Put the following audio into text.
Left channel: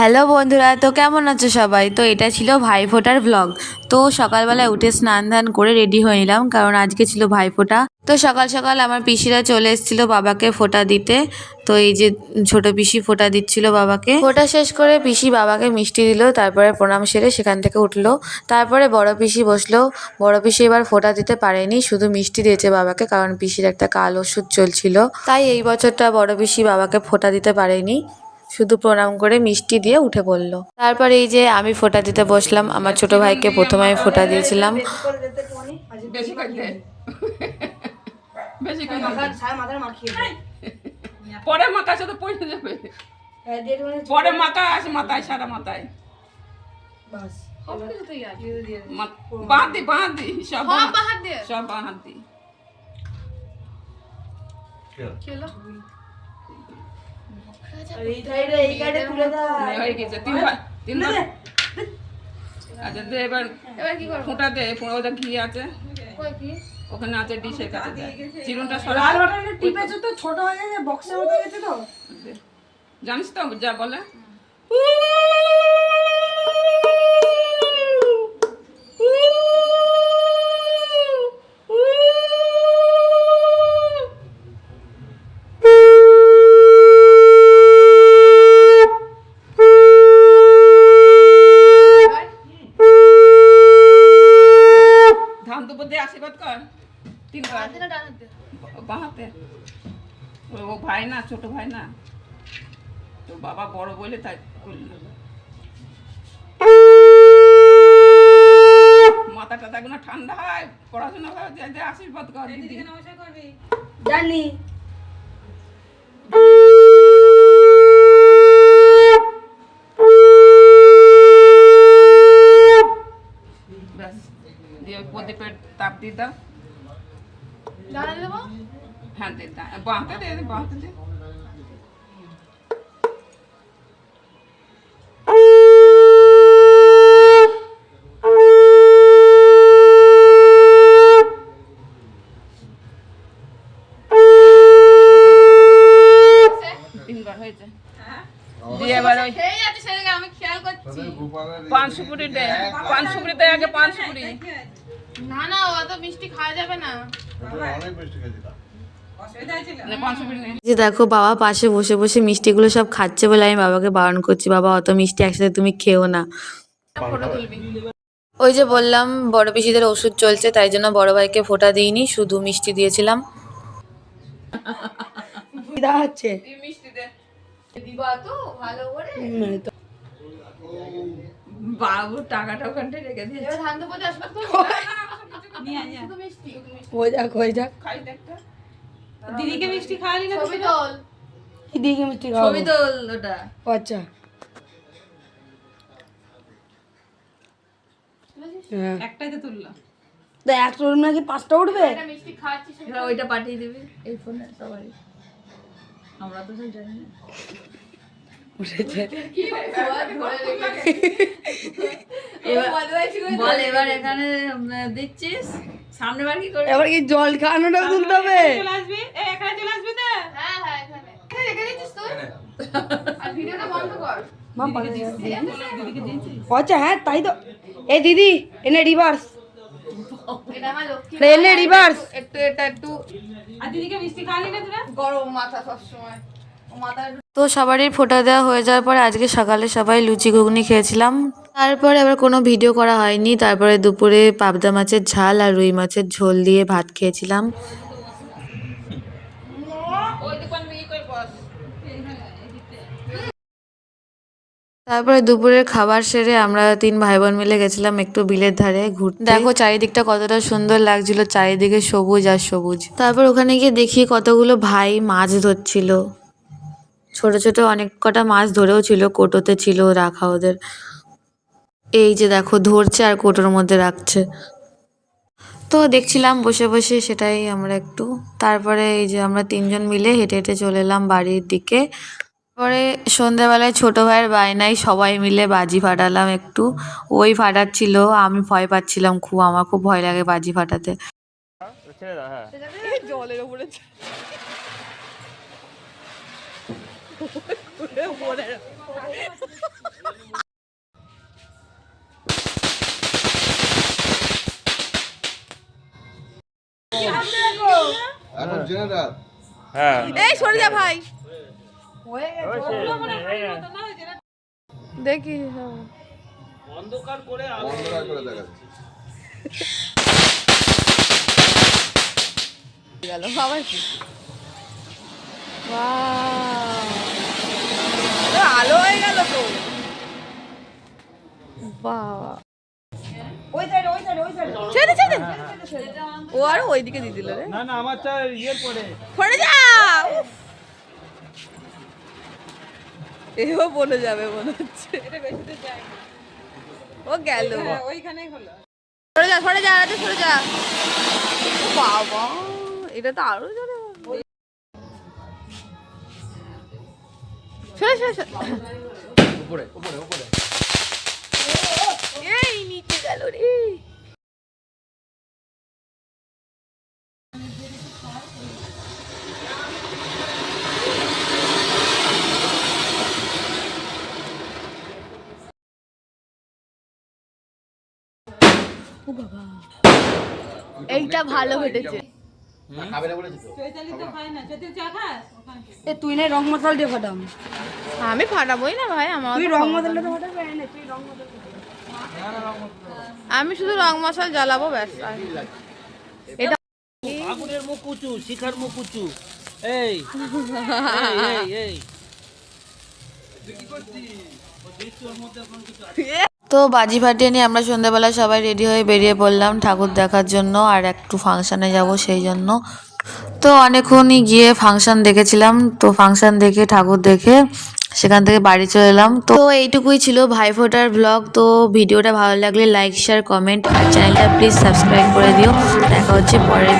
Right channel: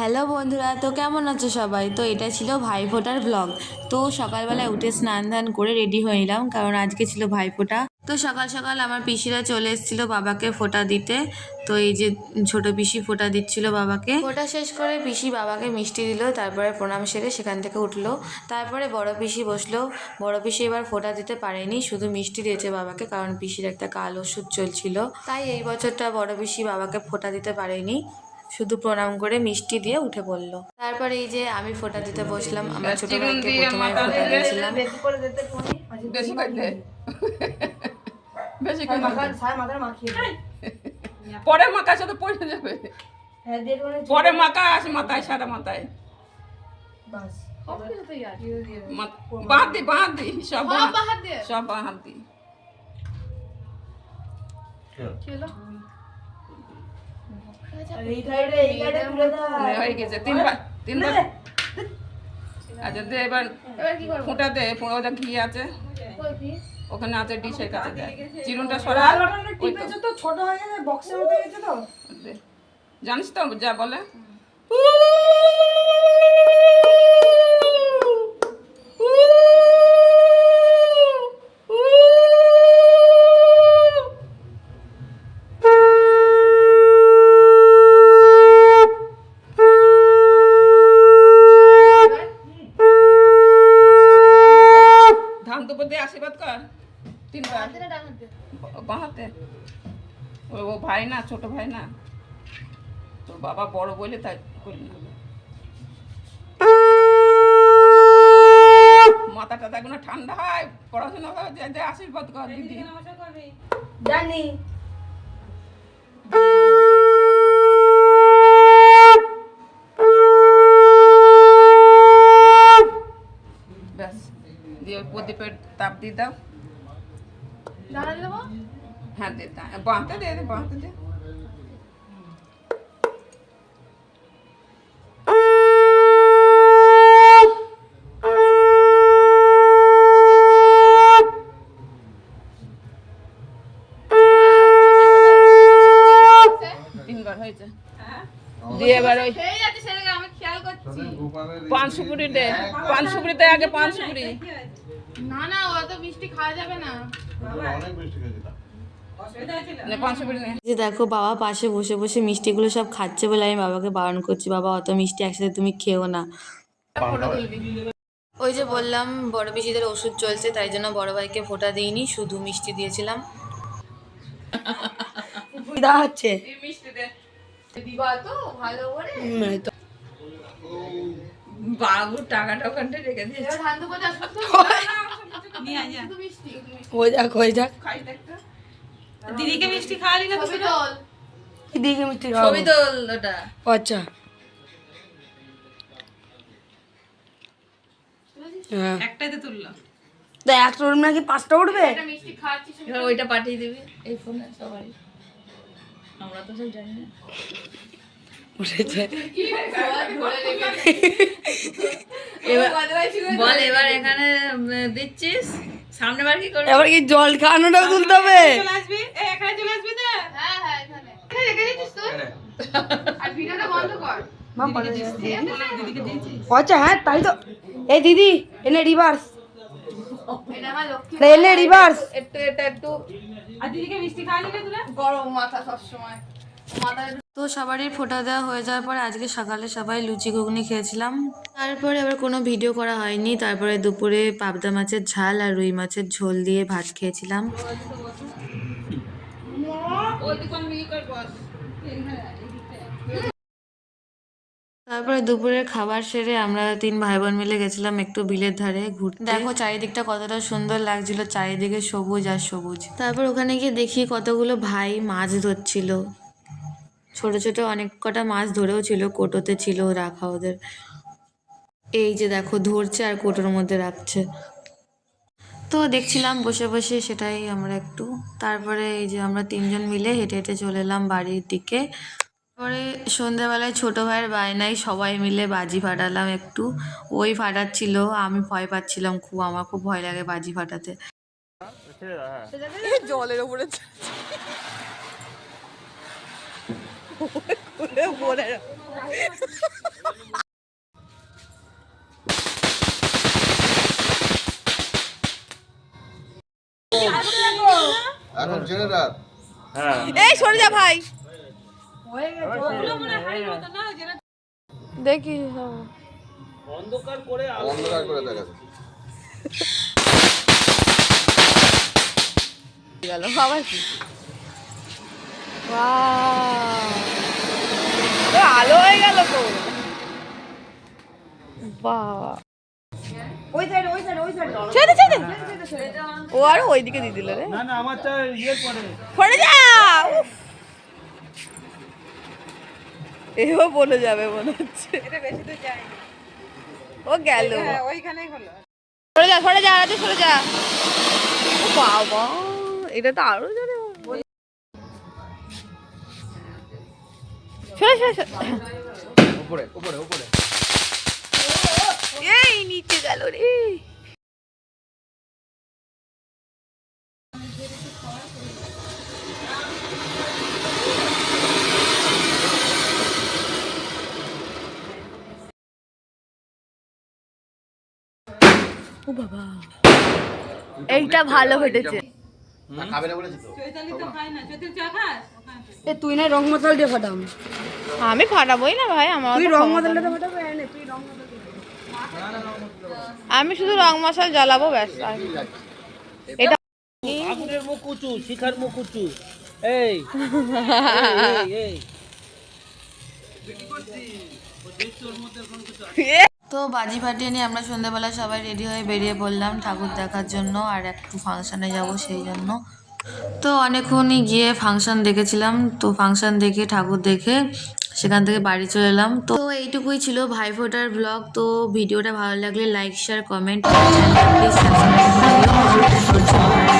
Hello বন্ধুরা, তো কেমন আছো সবাই? তো এটা ছিল ভাইফোঁটার ব্লগ। তো সকালবেলায় উঠে স্নান ধান করে রেডি হয়ে নিলাম, কারণ আজকে ছিল ভাইফোঁটা। তো সকাল সকাল আমার পিসিরা চলে এসেছিলো বাবাকে ফোঁটা দিতে। তো এই যে ছোট পিসি ফোঁটা দিচ্ছিল বাবাকে। ফোঁটা শেষ করে পিসি বাবাকে মিষ্টি দিল, তারপরে প্রণাম সেরে সেখান থেকে উঠলো। তারপরে বড় পিসি বসলো। বড় পিসি এবার ফোঁটা দিতে পারেনি, শুধু মিষ্টি দিয়েছে বাবাকে, কারণ পিসির একটা কাল ওষুধ চলছিল। তাই এই বছরটা বড় পিসি বাবাকে ফোঁটা দিতে পারেনি, শুধু প্রণাম করে মিষ্টি দিয়ে উঠে পড়লো। তারপরে এই যে আমি ফোঁটা দিতে বসলাম। আমার ছোট ভাইকে প্রথমে আমি ফোঁটা দিয়েছিলাম। পরে মাখা সাথে পড়ে যাবে, পরে মাখা আসে মাথায়, সারা মাথায় বাঁধ দি সব বাঁ হাত দি। হয়ে গেছে তিনবার। আচ্ছা দে, এবার ফোঁটা দে। ওটা ঘি আছে ওখানে, আছে ডিশের কাছে দে। চিরুনটা সরা, ছোট হয়ে গেছে, বক্সের মতো গেছে তো। জানিস তো যা বলে। ধান দুপুর দিয়ে আশীর্বাদ কর তিনবার। বাঁ হাতে। ও ভাই না, ছোট ভাই না, তোর বাবা বড় বলে তাই করলি। মাথা টাথা কোনো ঠান্ডা হয়, পড়াশোনা যে আশীর্বাদ কর দিদি। জানি ব্যাস দিয়ে প্রদীপের তাপ দিয়ে দাও। হ্যাঁ দে, বাঁধতে দে, বাঁধতে দে। তিনবার হয়েছে। দিয়ে এবার ওই পান সুপুরি দে। পান সুপুরি দে আগে, পান সুপুরি। না না, অত মিষ্টি খাওয়া যাবে না। পান সুপুরি নে। যে দেখো বাবা পাশে বসে বসে মিষ্টিগুলো সব খাচ্ছে বলে আমি বাবাকে বারণ করছি, বাবা অত মিষ্টি একসাথে তুমি খেও না। ওই যে বললাম বড় পিসিদের ওষুধ চলছে, তাই জন্য বড় ভাইকে ফোঁটা দিইনি, শুধু মিষ্টি দিয়েছিলাম। হচ্ছে মিষ্টি দে দিবা তো ভালো করে। বাবু টাকা টাকাটা রেখে দিয়েছে। এবার ধান দুপুরে আসবে তো। নিয়ে আয় শুধু মিষ্টি। ওই যাক ওই যাক। খাই দেখটা। দিদিকে মিষ্টি খাওয়ালি না? ছবি তোল। দিদিকে মিষ্টি খাওয়াবো। ছবি তোল ওটা। আচ্ছা হ্যাঁ, একটাই তো তুললাম। তা একটা রুম নাকি 5টা উঠবে? একটা মিষ্টি খাওয়াচ্ছিস। ওইটা পাঠিয়ে দিবি এই ফোনে সবাই, আমরা তো সব জানি না। উঠেছে। বল এবার এখানে দিচ্ছিস, সামনে বার কি করবি? এবার কি জল খাওয়ানোটা তুলতে হবে? আসবি এখানে চলে আসবি না? হ্যাঁ হ্যাঁ, এখানে রেখে দিচ্ছিস তো। আর ভিডিওটা বন্ধ কর। মা পারে আচ্ছা হ্যাঁ তাই তো। এই দিদি এনে রিভার্স, এটা আমার লক্ষ্মী। এনে রিভার্স। একটু এটা একটু। আর দিদিকে মিষ্টি খাওয়ালি না তোরা? গরম মাথা সব সময়। মাথায় তো সবারই ফোঁটা দেওয়া হয়ে যাওয়ার পরে আজকে সকালে সবাই লুচি ঘুগনি খেয়েছিলাম। তারপরে আবার কোনো ভিডিও করা হয়নি। তারপরে দুপুরে পাবদা মাছের ঝাল আর রুই মাছের ঝোল দিয়ে ভাত খেয়েছিলাম। ওই দোকান নিয়ে করে বস। তারপরে দুপুরের খাবার সেরে আমরা 3 ভাই বোন মিলে গেছিলাম একটু বিলের ধারে ঘুরতে। দেখো চারিদিকটা কতটা সুন্দর লাগছিল, চারিদিকে সবুজ আর সবুজ। তারপর ওখানে গিয়ে দেখি কতগুলো ভাই মাছ ধরছিল, ছোট ছোট অনেক কটা মাছ ধরেও ছিল, কোটোতে ছিল রাখা ওদের। এই যে দেখো ধরছে আর কোটোর মধ্যে রাখছে। তো দেখছিলাম বসে বসে, সেটাই আমরা একটু। তারপরে এই যে আমরা 3 জন মিলে হেঁটে হেঁটে চলে এলাম বাড়ির দিকে। পরে সন্ধ্যাবেলায় ছোট ভাইয়ের বায়নায় সবাই মিলে বাজি ফাটালাম একটু। ওই ফাটাচ্ছিল, আমি ভয় পাচ্ছিলাম খুব, আমার খুব ভয় লাগে বাজি ফাটাতে। জলের উপরে এখন জেনে রাখ। এই সরে যা ভাই দেখি অন্ধকার করে দেখাচ্ছে। গেল আবার কি তো আলো হয়ে গেল তো বাবা ওই সাইড ওই সাইড ওই সাইড ছেড়ে ছেড়ে ও আরো ওইদিকে দিয়ে দিল রে না না আমারটা ইয়ের পরে পড়ে যা উফ। এও বলে যাবে মনে হচ্ছে ও গেল সরে যা রাজু সরে যা ও বাবা এটা তো আরো জানে সরে সরে সরে। উপরে উপরে উপরে। এই নিচে গেল রে ও বাবা এইটা ভালো ঘটেছে খাবে না বলেছি তো। এ তুই না রং মশলা দিয়ে ফাটাম আমি ফাটাবোই না ভাই আমার তুই অত রং ক্ষমতা মশলা নেই। দিয়ে ফাটাবে এনে তুই রং মশলা আমি শুধু রং মশলা জ্বালাবো ব্যাস আর কি। এটা আগুনের মুখ উঁচু শিখার মুখ উঁচু এই এই তো বাজি ফাটিয়ে নিয়ে আমরা সন্ধ্যাবেলা সবাই রেডি হয়ে বেরিয়ে পড়লাম ঠাকুর দেখার জন্য আর একটু ফাংশানে যাব সেই জন্য। তো অনেকক্ষণই গিয়ে ফাংশন দেখেছিলাম, তো ফাংশন দেখে ঠাকুর দেখে সেখান থেকে বাড়ি চলে এলাম। তো এইটুকুই ছিল ভাইফোঁটার ব্লগ। তো ভিডিওটা ভালো লাগলে লাইক শেয়ার কমেন্ট আর চ্যানেলটা প্লিজ সাবস্ক্রাইব করে দিও। দেখা হচ্ছে পরের